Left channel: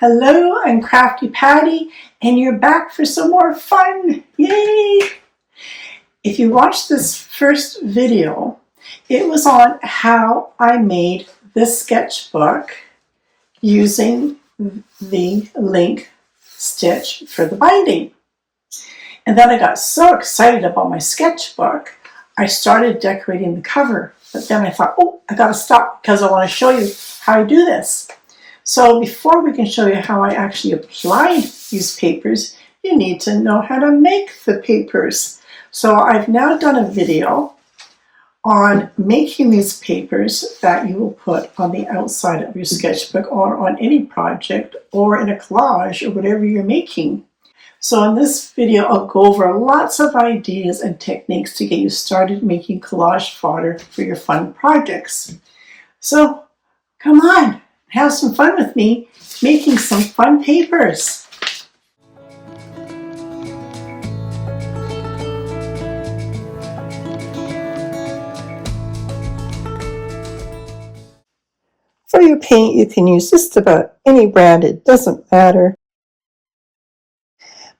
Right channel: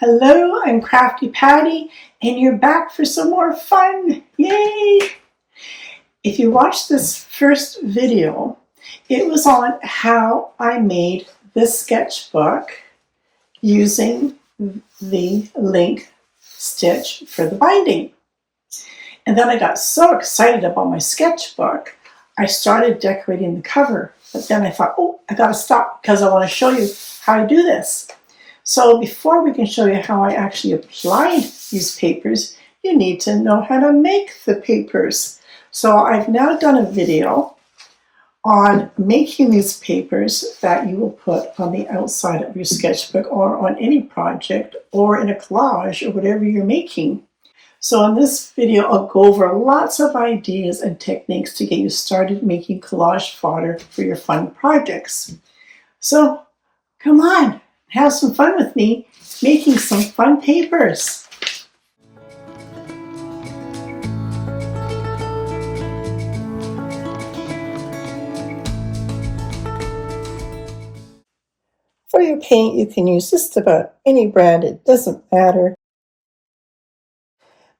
Hello, I'm Crafty Patti, and you're back for some more fun. Yay! If you watched this first video, it was on how I made this sketchbook using the link stitch for the binding. And then I got so excited about my sketchbook, I started decorating the cover. But then I thought, oh, I gotta stop because I want to show you how I do this. So before we can show you how I actually applied these papers, you need to know how to make the papers. So I've now done a video on making these papers that you will put on the outside of your sketchbook or on any project or in a collage or whatever you're making. So in this video, I'll go over lots of ideas and techniques to get you started making collage fodder for your fun projects. So come on, have some fun with me making some fun papers. For your paint, you can use just about any brand, it doesn't matter.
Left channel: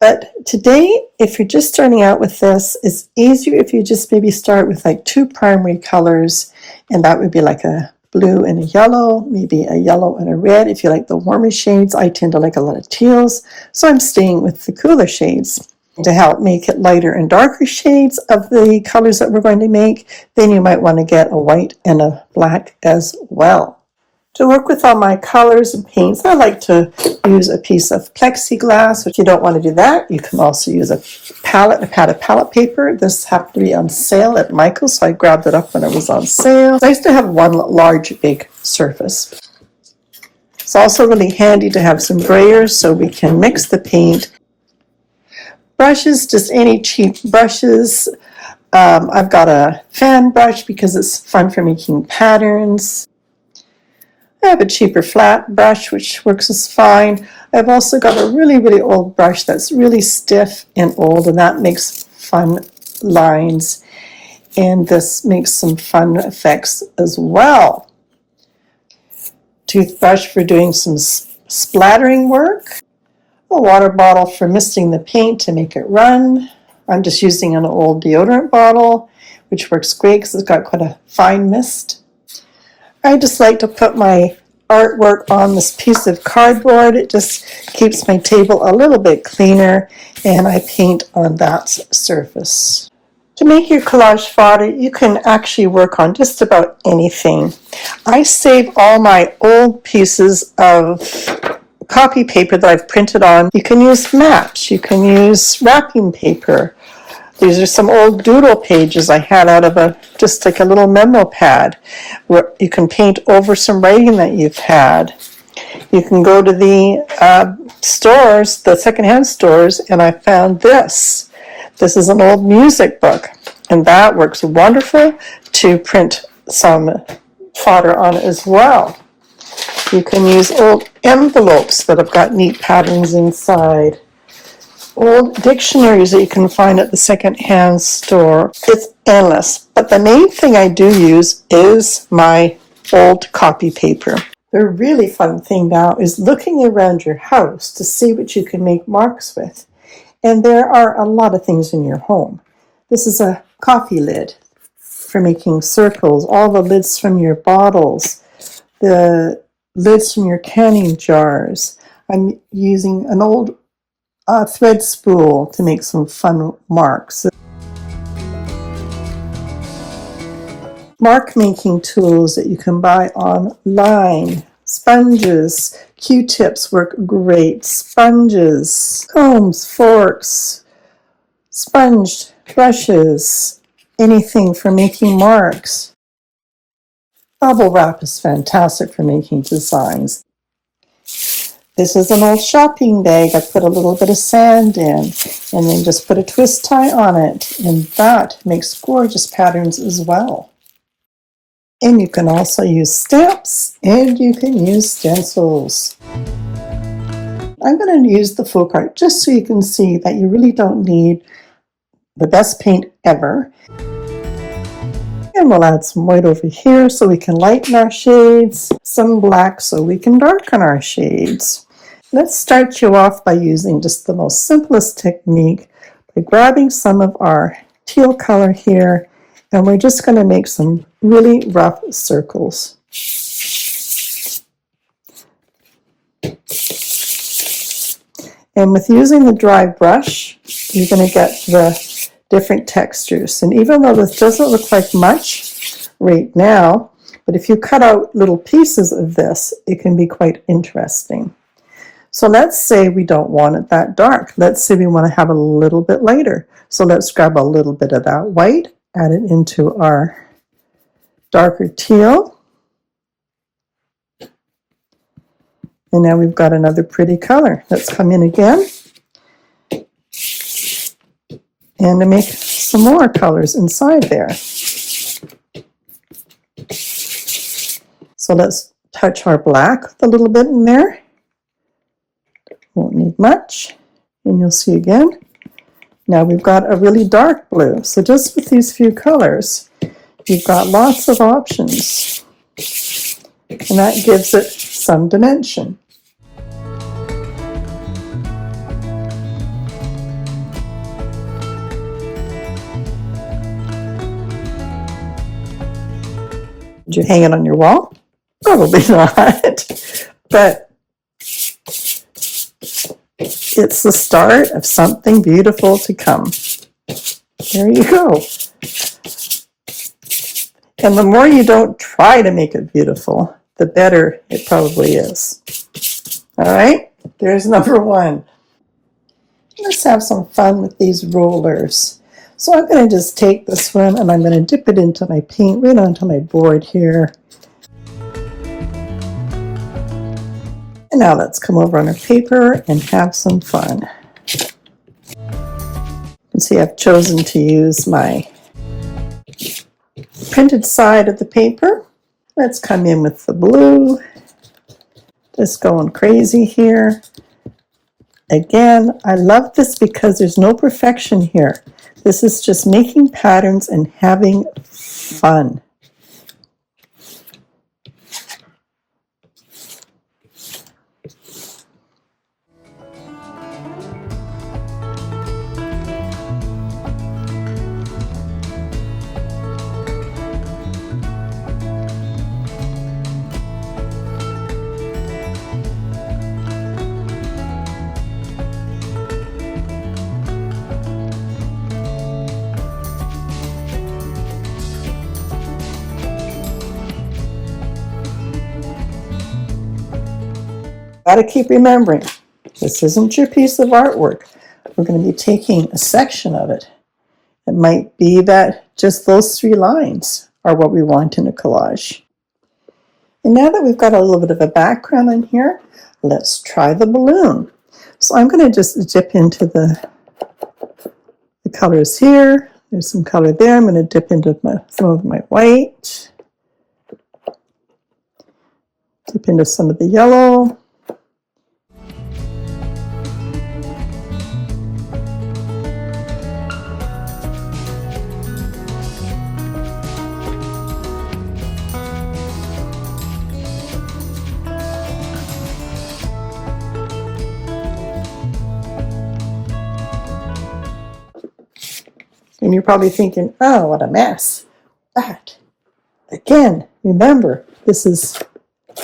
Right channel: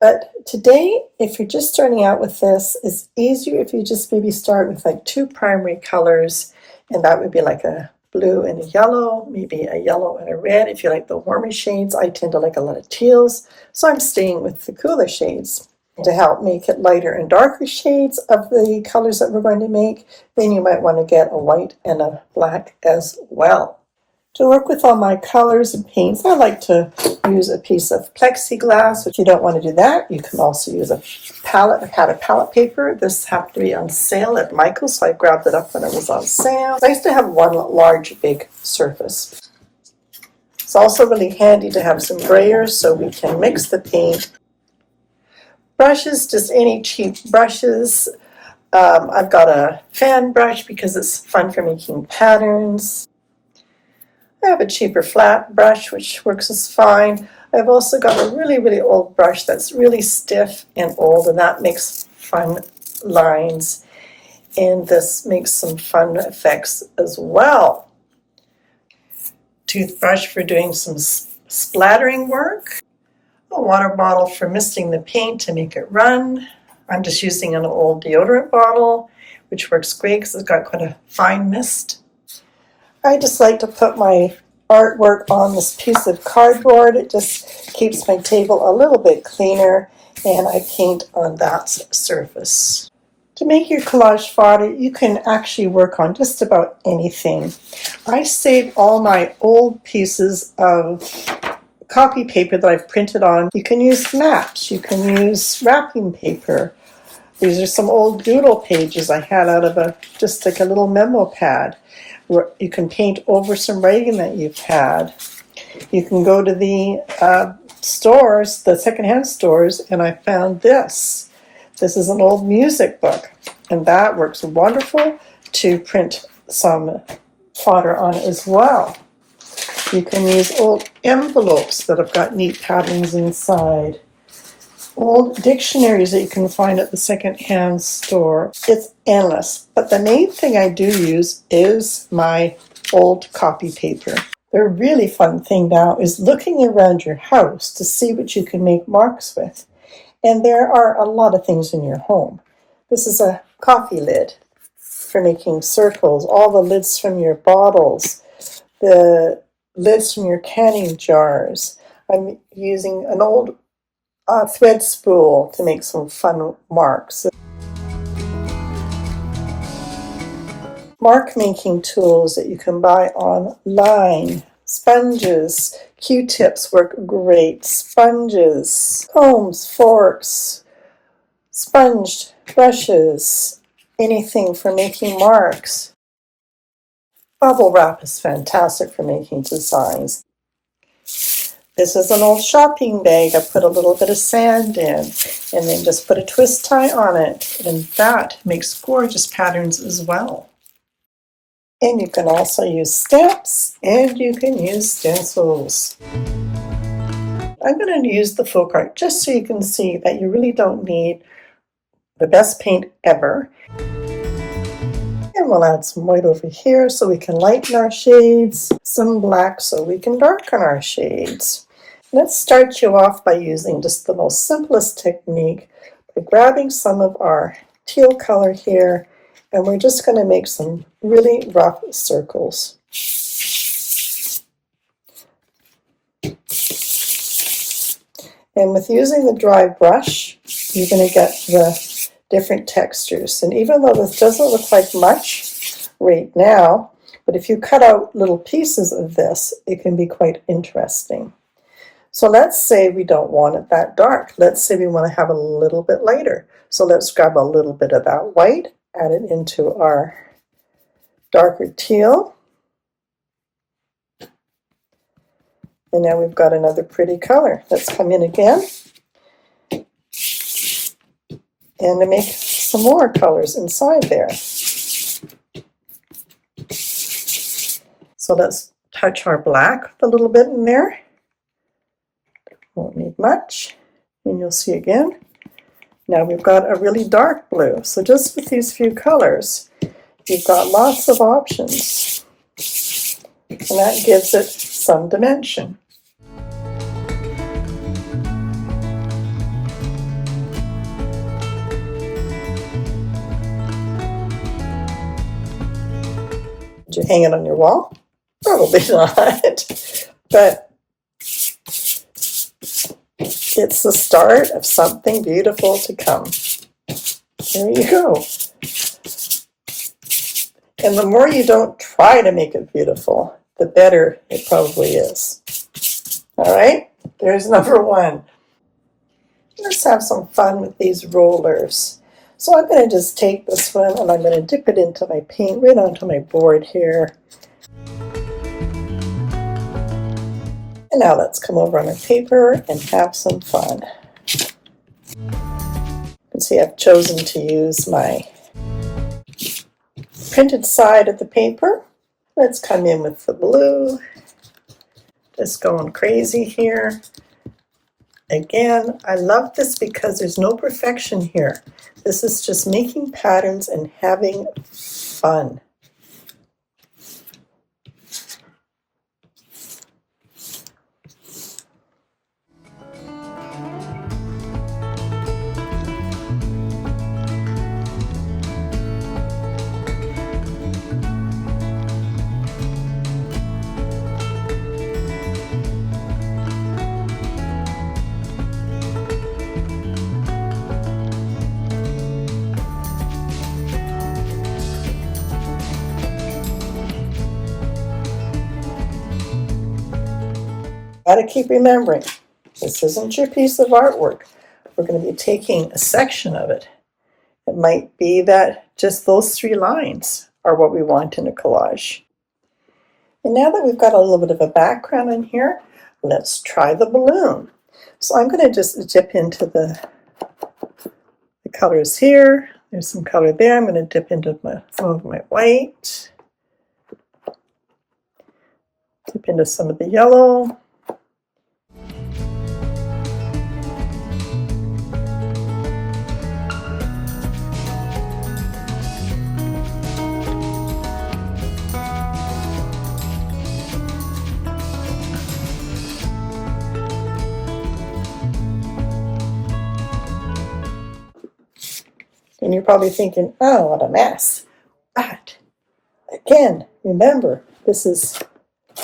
But today, if you're just starting out with this, it's easier if you just maybe start with like 2 primary colors, and that would be like a blue and a yellow, maybe a yellow and a red. If you like the warmer shades, I tend to like a lot of teals, so I'm staying with the cooler shades. To help make it lighter and darker shades of the colors that we're going to make, then you might want to get a white and a black as well. To work with all my colors and paints, I like to use a piece of plexiglass. If you don't want to do that, you can also use a pad of palette paper. This happened to be on sale at Michael's, so I grabbed it up when it was on sale. It's nice to have one large, big surface. It's also really handy to have some grayers so we can mix the paint. Brushes, just any cheap brushes. I've got a fan brush because it's fun for making patterns. I have a cheaper flat brush, which works as fine. I've also got a really, really old brush that's really stiff and old, and that makes fun lines. And this makes some fun effects as well. Toothbrush for doing some splattering work. A water bottle for misting the paint to make it run. I'm just using an old deodorant bottle, which works great because it's got quite a fine mist. I just like to put my artwork on this piece of cardboard. It just keeps my table a little bit cleaner, and I paint on that surface. To make your collage fodder, you can actually work on just about anything. I save all my old pieces of copy paper that I've printed on. You can use matte, you can use wrapping paper. These are some old doodle pages I had out of just like a little memo pad where you can paint over some writing that you've had. You can go to the stores, the secondhand stores, and I found this. This is an old music book, and that works wonderful to print some fodder on as well. You can use old envelopes that have got neat patterns inside. Old dictionaries that you can find at the secondhand store. It's endless, but the main thing I do use is my old copy paper. The really fun thing now is looking around your house to see what you can make marks with. And there are a lot of things in your home. This is a coffee lid for making circles, all the lids from your bottles, the lids from your canning jars. I'm using an old thread spool to make some fun marks. Mark making tools that you can buy online. Sponges, Q-tips work great. Sponges, combs, forks, sponge brushes, anything for making marks. Bubble wrap is fantastic for making designs. This is an old shopping bag I put a little bit of sand in, and then just put a twist tie on it, and that makes gorgeous patterns as well. And you can also use stamps, and you can use stencils. I'm going to use the folk art just so you can see that you really don't need the best paint ever. And we'll add some white over here so we can lighten our shades, some black so we can darken our shades. Let's start you off by using just the most simplest technique by grabbing some of our teal color here, and we're just going to make some really rough circles. And with using the dry brush, you're going to get the different textures. And even though this doesn't look like much right now, but if you cut out little pieces of this, it can be quite interesting. So let's say we don't want it that dark. Let's say we want to have it a little bit lighter. So let's grab a little bit of that white, add it into our darker teal. And now we've got another pretty color. Let's come in again and to make some more colors inside there. So let's touch our black a little bit in there. Won't need much. And you'll see again. Now we've got a really dark blue. So just with these few colors, you've got lots of options. And that gives it some dimension. Did you hang it on your wall? Probably not. But it's the start of something beautiful to come. There you go. And the more you don't try to make it beautiful, the better it probably is. All right, there's number one. Let's have some fun with these rollers. So I'm going to just take this one and I'm going to dip it into my paint right onto my board here. And now let's come over on our paper and have some fun. You can see I've chosen to use my printed side of the paper. Let's come in with the blue. Just going crazy here. Again, I love this because there's no perfection here. This is just making patterns and having fun. Got to keep remembering, this isn't your piece of artwork. We're going to be taking a section of it. It might be that just those 3 lines are what we want in a collage. And now that we've got a little bit of a background in here, let's try the balloon. So I'm going to just dip into the colors here. There's some color there. I'm going to dip into some of my white. Dip into some of the yellow. And you're probably thinking, oh, what a mess. But again, remember, this is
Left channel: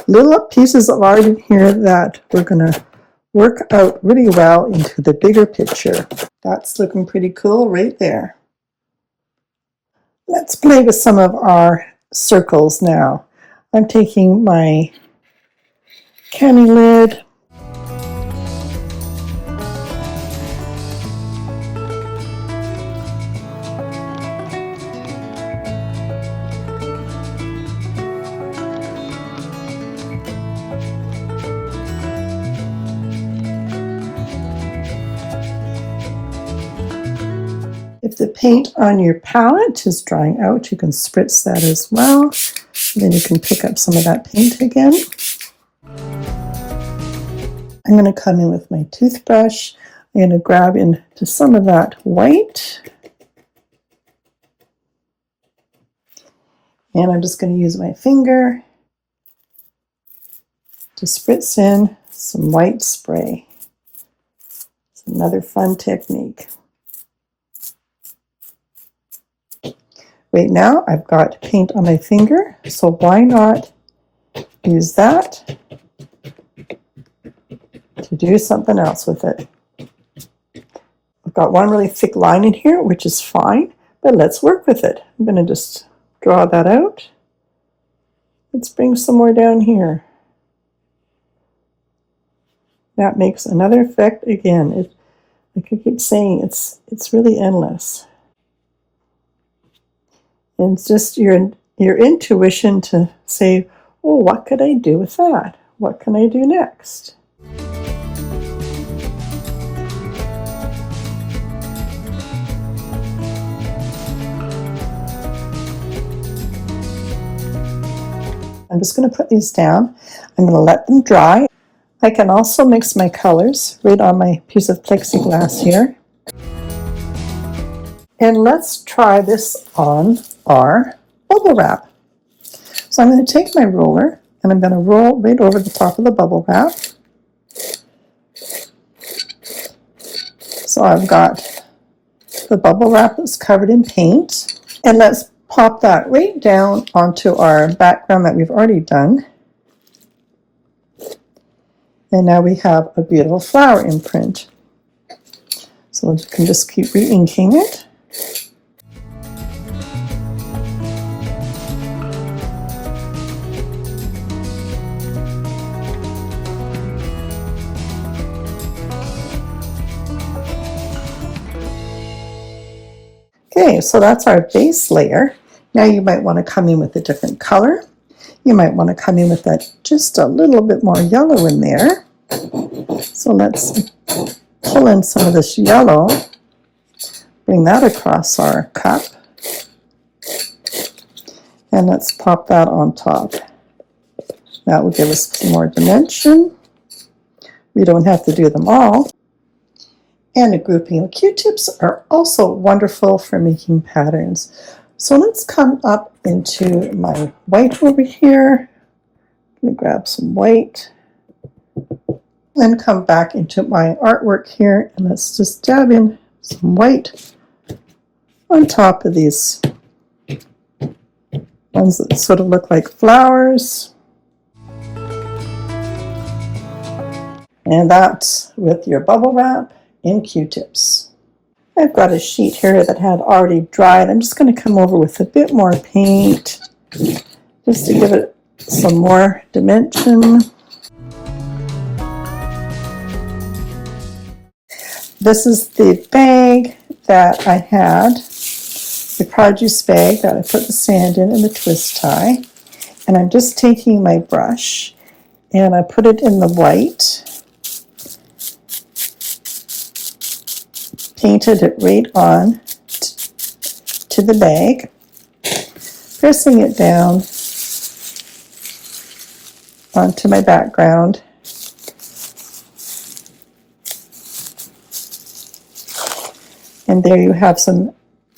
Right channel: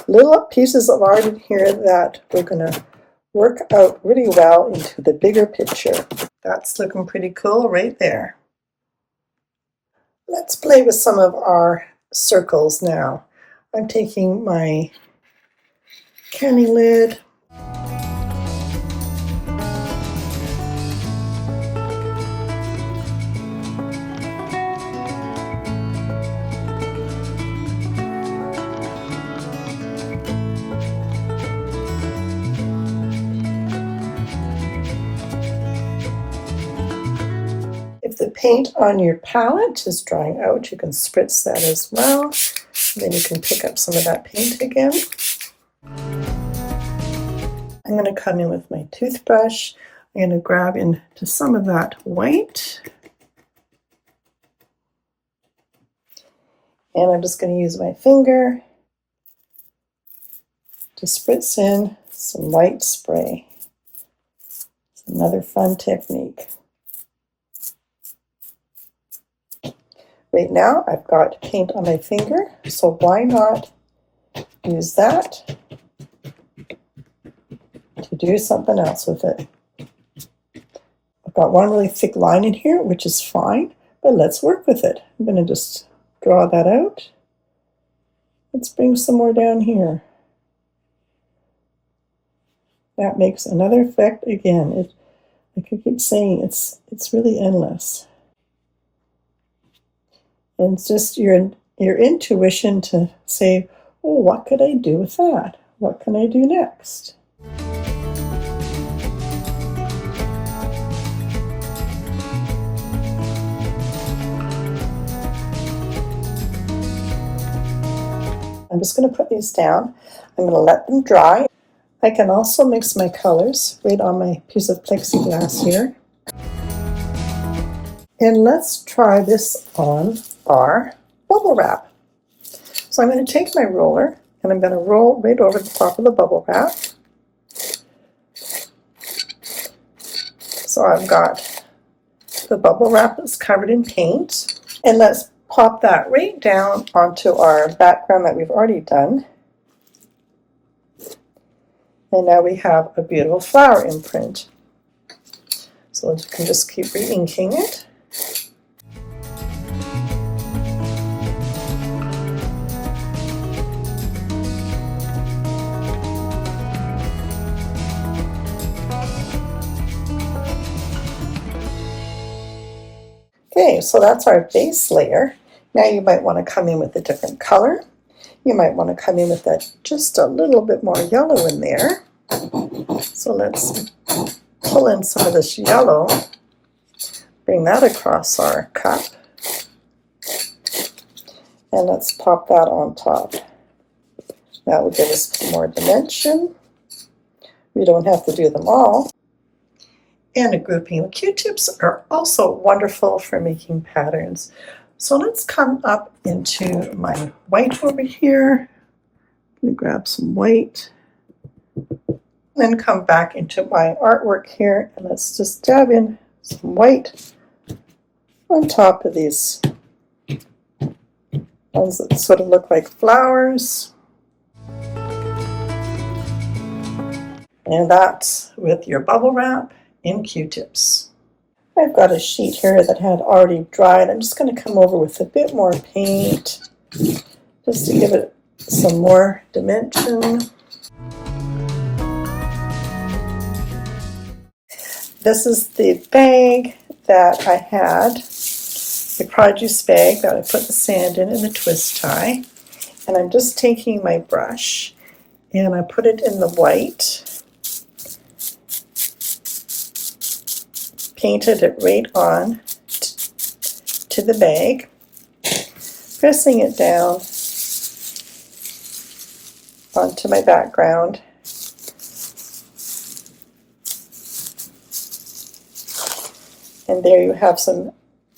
little pieces of art in here that we're going to work out really well into the bigger picture. That's looking pretty cool right there. Let's play with some of our circles now. I'm taking my candy lid. If the paint on your palette is drying out, you can spritz that as well. And then you can pick up some of that paint again. I'm going to come in with my toothbrush. I'm going to grab into some of that white. And I'm just going to use my finger to spritz in some white spray. It's another fun technique. Right now I've got paint on my finger, so why not use that to do something else with it. I've got one really thick line in here, which is fine, but let's work with it. I'm going to just draw that out. Let's bring some more down here. That makes another effect again. Like I keep saying, it's really endless. And it's just your intuition to say, oh, what could I do with that? What can I do next? I'm just going to put these down. I'm going to let them dry. I can also mix my colors right on my piece of plexiglass here. And let's try this on our bubble wrap. So I'm going to take my roller and I'm going to roll right over the top of the bubble wrap. So I've got the bubble wrap that's covered in paint. And let's pop that right down onto our background that we've already done. And now we have a beautiful flower imprint. So we can just keep re-inking it. Okay, so that's our base layer. Now you might want to come in with a different color. You might want to come in with just a little bit more yellow in there. So let's pull in some of this yellow, bring that across our cup, and let's pop that on top. That will give us more dimension. We don't have to do them all. And a grouping of Q-tips are also wonderful for making patterns. So let's come up into my white over here. I'm going to grab some white. Then come back into my artwork here, and let's just dab in some white on top of these ones that sort of look like flowers. And that's with your bubble wrap in Q-tips. I've got a sheet here that had already dried. I'm just going to come over with a bit more paint just to give it some more dimension. This is the bag that I had, the produce bag that I put the sand in and the twist tie. And I'm just taking my brush and I put it in the white. Painted it right on to the bag, pressing it down onto my background. And there you have some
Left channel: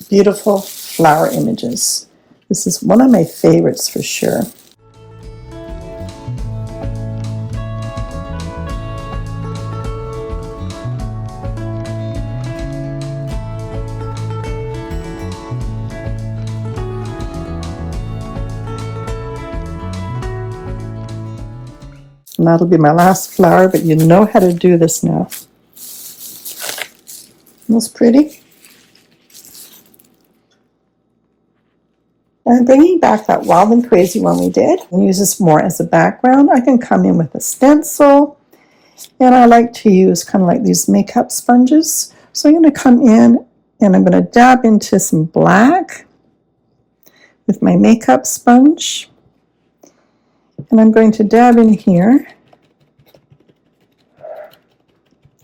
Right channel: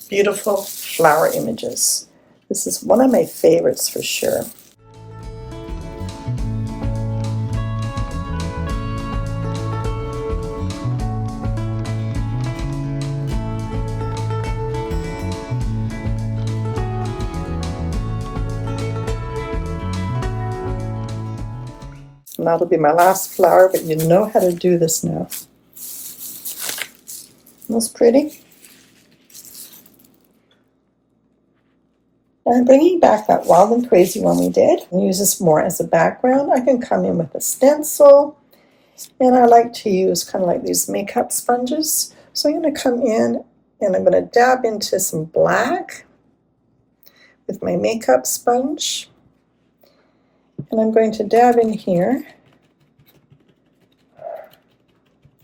beautiful flower images. This is one of my favorites for sure. And that'll be my last flower, but you know how to do this now. Almost pretty. And I'm bringing back that Wild and Crazy one we did and use this more as a background. I can come in with a stencil, and I like to use kind of like these makeup sponges. So I'm going to come in and I'm going to dab into some black with my makeup sponge. And I'm going to dab in here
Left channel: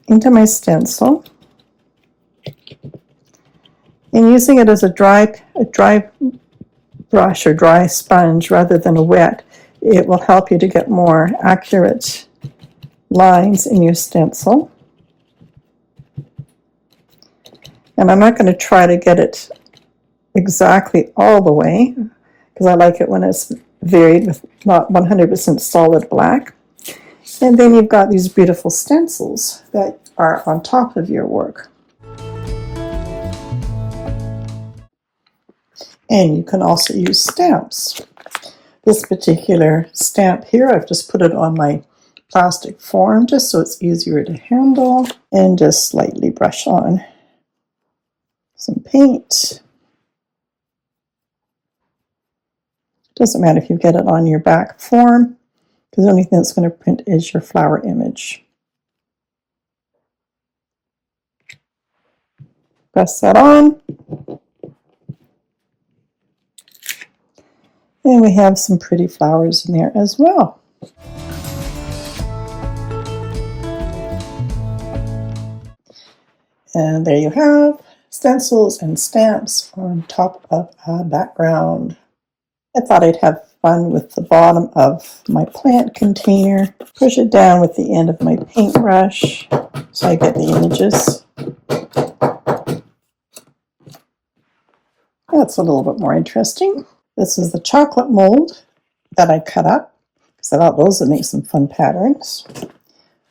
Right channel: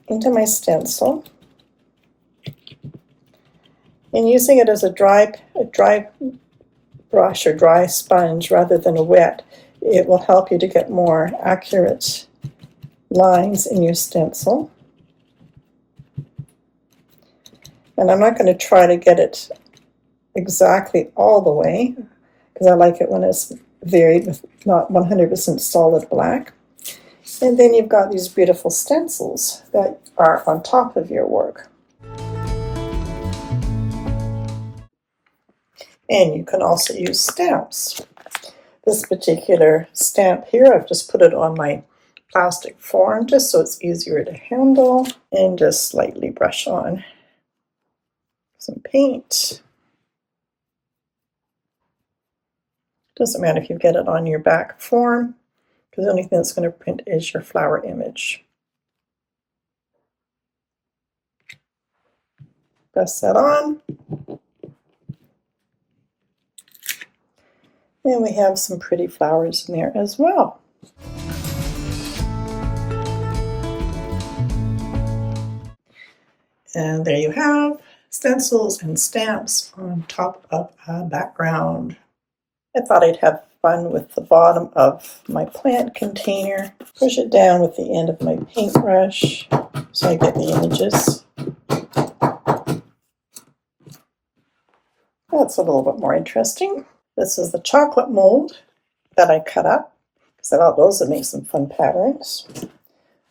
into my stencil. And using it as a dry brush or dry sponge rather than a wet, it will help you to get more accurate lines in your stencil. And I'm not going to try to get it exactly all the way, because I like it when it's varied with not 100% solid black. And then you've got these beautiful stencils that are on top of your work. And you can also use stamps. This particular stamp here, I've just put it on my plastic form just so it's easier to handle, and just slightly brush on some paint. Doesn't matter if you get it on your back form, because the only thing that's going to print is your flower image. Press that on. And we have some pretty flowers in there as well. And there you have stencils and stamps on top of a background. I thought I'd have fun with the bottom of my plant container. Push it down with the end of my paintbrush so I get the images. That's a little bit more interesting. This is the chocolate mold that I cut up, because I thought those would make some fun patterns.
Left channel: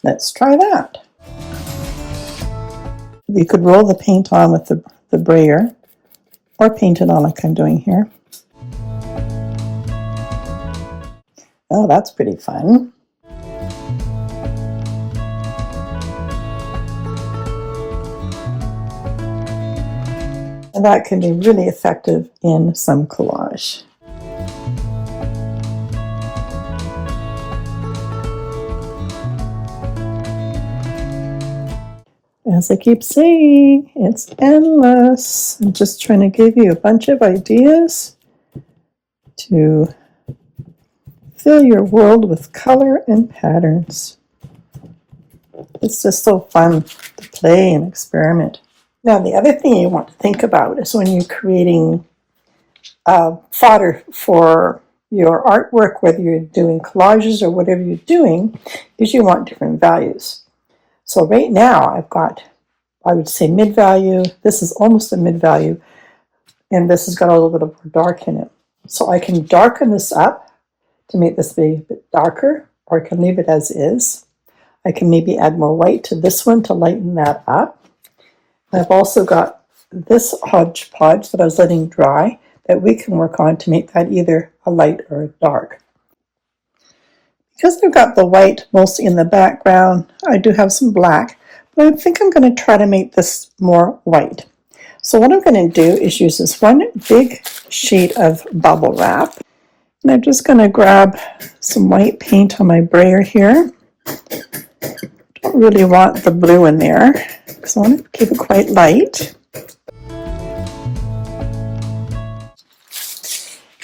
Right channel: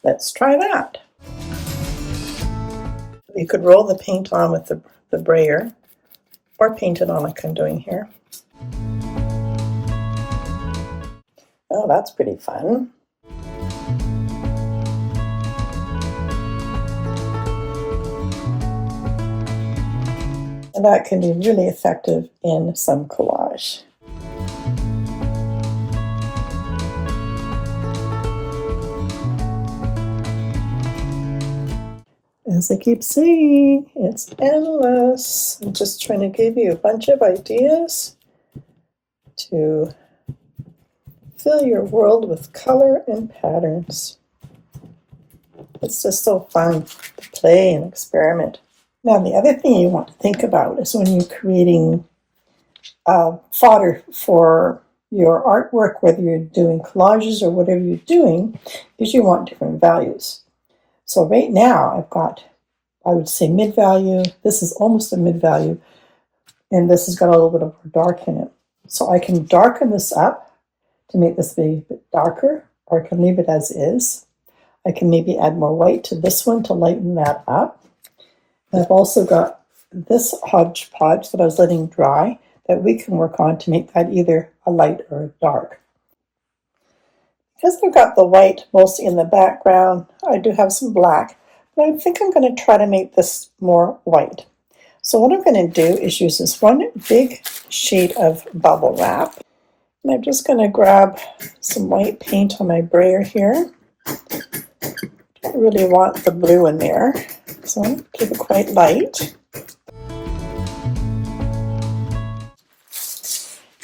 Let's try that. You could roll the paint on with the brayer, or paint it on like I'm doing here. Oh, that's pretty fun. And that can be really effective in some collage. As I keep saying, it's endless. I'm just trying to give you a bunch of ideas to fill your world with color and patterns. It's just so fun to play and experiment. Now, the other thing you want to think about is when you're creating fodder for your artwork, whether you're doing collages or whatever you're doing, is you want different values. So right now I've got, I would say, mid-value. This is almost a mid-value, and this has got a little bit of dark in it. So I can darken this up to make this be a bit darker, or I can leave it as is. I can maybe add more white to this one to lighten that up. I've also got this hodgepodge that I was letting dry that we can work on to make that either a light or a dark. Because I've got the white mostly in the background, I do have some black, but I think I'm going to try to make this more white. So what I'm going to do is use this one big sheet of bubble wrap, and I'm just going to grab some white paint on my brayer here. Don't really want the blue in there, so I want to keep it quite light.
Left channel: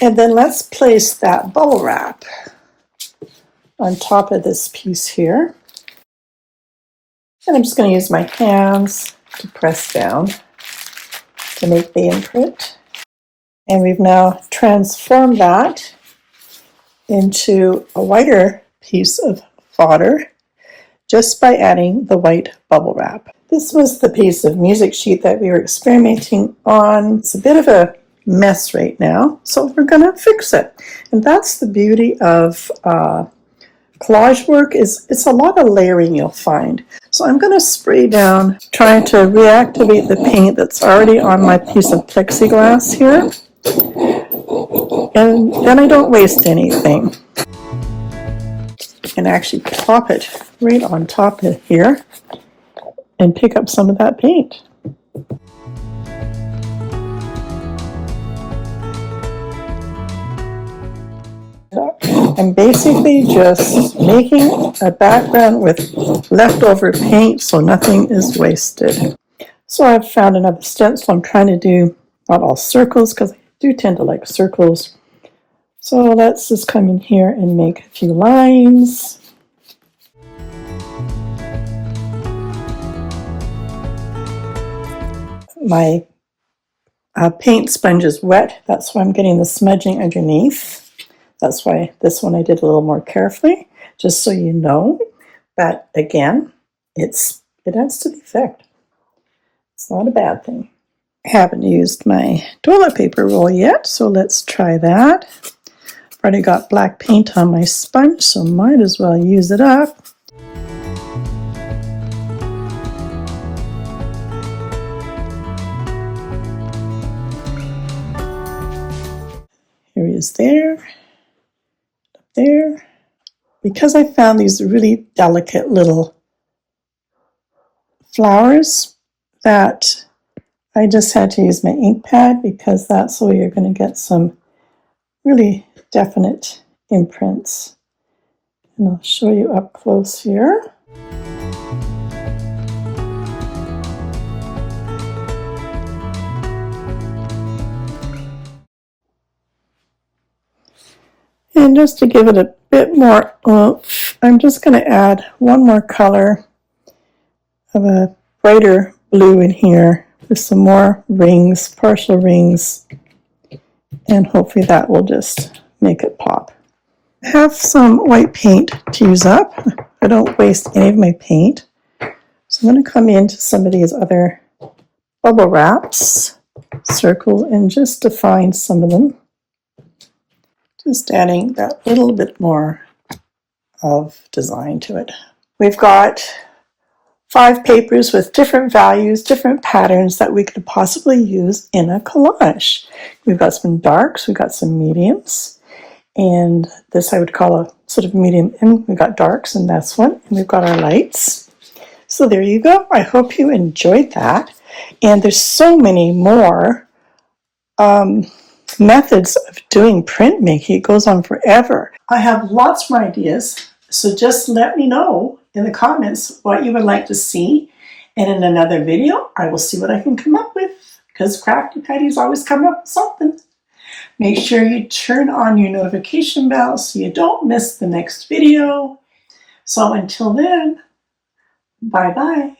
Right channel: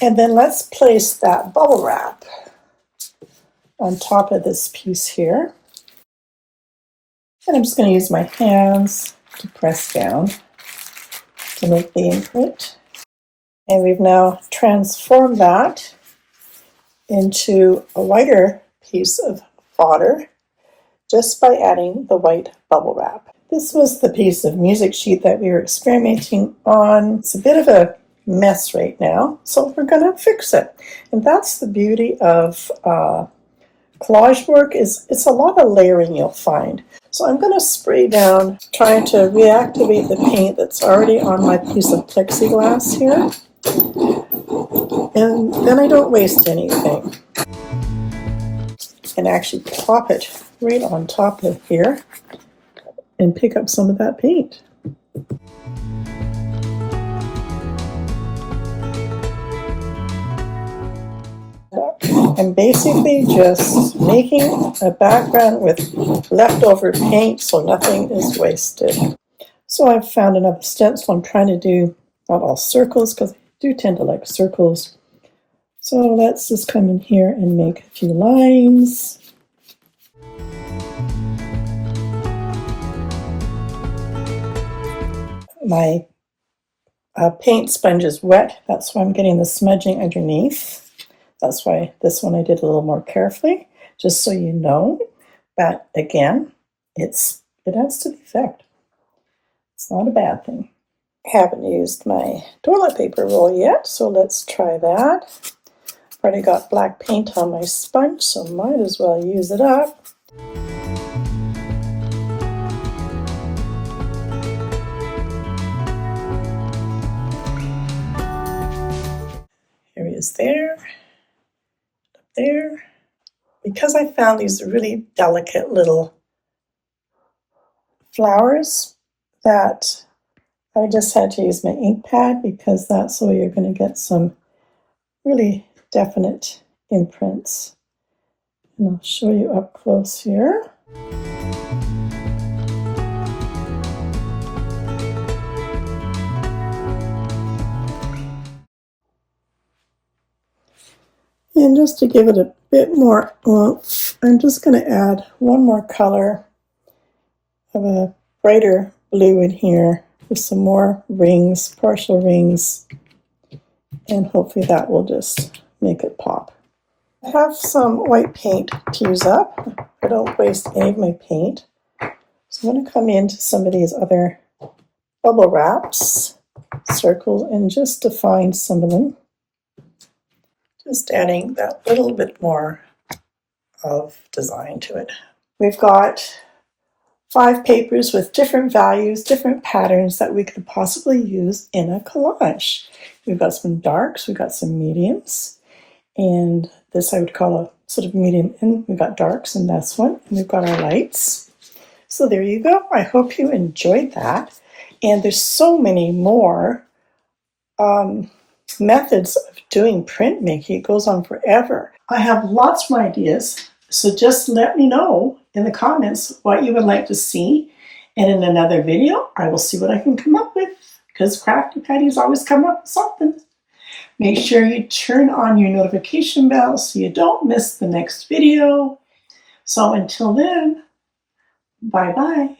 And then let's place that bubble wrap on top of this piece here. And I'm just going to use my hands to press down to make the imprint. And we've now transformed that into a whiter piece of fodder just by adding the white bubble wrap. This was the piece of music sheet that we were experimenting on. It's a bit of a mess right now, so we're going to fix it. And that's the beauty of collage work, is it's a lot of layering you'll find. So I'm going to spray down, trying to reactivate the paint that's already on my piece of plexiglass here. And then I don't waste anything. You can actually pop it right on top of here and pick up some of that paint. I'm basically just making a background with leftover paint so nothing is wasted. So I've found another stencil. I'm trying to do not all circles because I do tend to like circles. So let's just come in here and make a few lines. My paint sponge is wet. That's why I'm getting the smudging underneath. That's why this one I did a little more carefully, just so you know. But again, it adds to the effect. It's not a bad thing. I haven't used my toilet paper roll yet, so let's try that. I've already got black paint on my sponge, so might as well use it up. Here he is there, up there. Because I found these really delicate little flowers that I just had to use my ink pad, because that's the way you're going to get some really definite imprints. And I'll show you up close here. And just to give it a bit more oomph, I'm just going to add one more color of a brighter blue in here with some more rings, partial rings, and hopefully that will just make it pop. I have some white paint to use up. I don't waste any of my paint. So I'm going to come into some of these other bubble wraps, circle, and just define some of them. Just adding that little bit more of design to it. We've got 5 papers with different values, different patterns that we could possibly use in a collage. We've got some darks, we've got some mediums, and this I would call a sort of medium, and we've got darks in this one, and we've got our lights. So there you go. I hope you enjoyed that. And there's so many more methods of doing printmaking. It goes on forever. I have lots more ideas, so just let me know in the comments what you would like to see, and in another video I will see what I can come up with, because Crafty Patti is always coming up with something. Make sure you turn on your notification bell so you don't miss the next video. So until then, bye bye.